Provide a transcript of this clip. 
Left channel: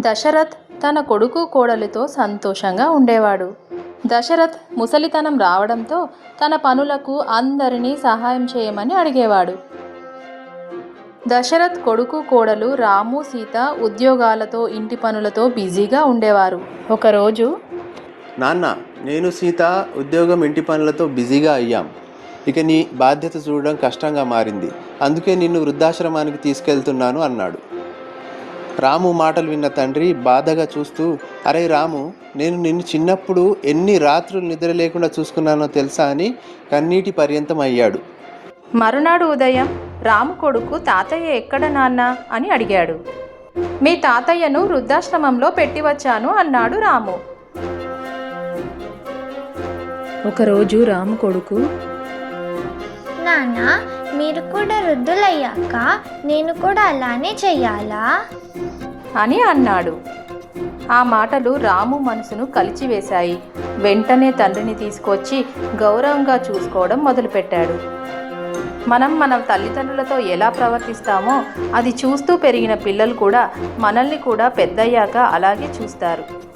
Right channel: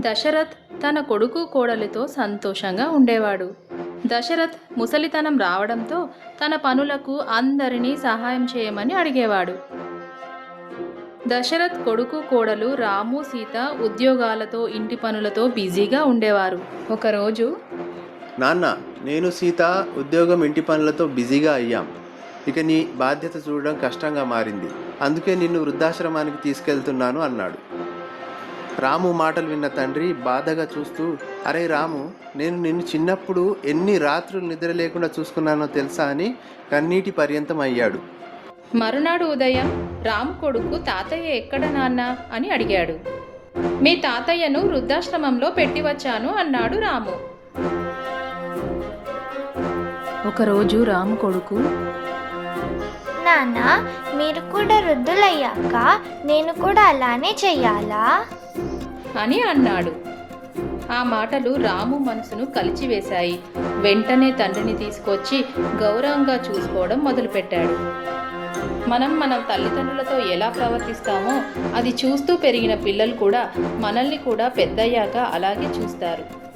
దశరథ్ తన కొడుకు కోడలితో సంతోషంగా ఉండేవాడు. దశరథ్ ముసలితనం రావడంతో తన పనులకు అందరినీ సహాయం చేయమని అడిగేవాడు. దశరథ్ కొడుకు కోడలు రాము సీత ఉద్యోగాలతో ఇంటి పనులతో బిజీగా ఉండేవారు. ఒకరోజు నాన్న నేను సీత ఉద్యోగం ఇంటి పనులతో బిజీగా అయ్యాం. ఇక నీ బాధ్యత చూడడం కష్టంగా మారింది. అందుకే నిన్ను వృద్ధాశ్రమానికి తీసుకెళ్తున్నాను అన్నాడు. రాము మాటలు విన్న తండ్రి బాధగా చూస్తూ అరే రాము నేను నిన్ను చిన్నప్పుడు ఎన్ని రాత్రులు నిద్ర లేకుండా చూసుకున్నానో తెలుసా? అని కన్నీటి పర్యంతం అయ్యాడు. మరునాడు ఉదయం రాము కొడుకు తాతయ్య ఎక్కడ నాన్న? అని అడిగాడు. మీ తాతయ్యను వృద్ధాశ్రమంలో పెట్టి వచ్చాను అన్నాడు రాము. ఒకరోజు రాము కొడుకు నాన్న మీరు కూడా వృద్ధులయ్యాక నేను కూడా అలానే చెయ్యాలా? అని అన్నాడు. ఆ మాటలు రాము మనసును కలిచివేశాయి. వెంటనే తండ్రిని తీసుకొచ్చి గౌరవంగా చూసుకోవడం మొదలుపెట్టాడు. మనం మన తల్లిదండ్రులతో ఎలా ప్రవర్తిస్తామో అది చూస్తూ పెరిగిన పిల్లలు కూడా మనల్ని కూడా పెద్దయ్యాక అలాగే చూస్తారు.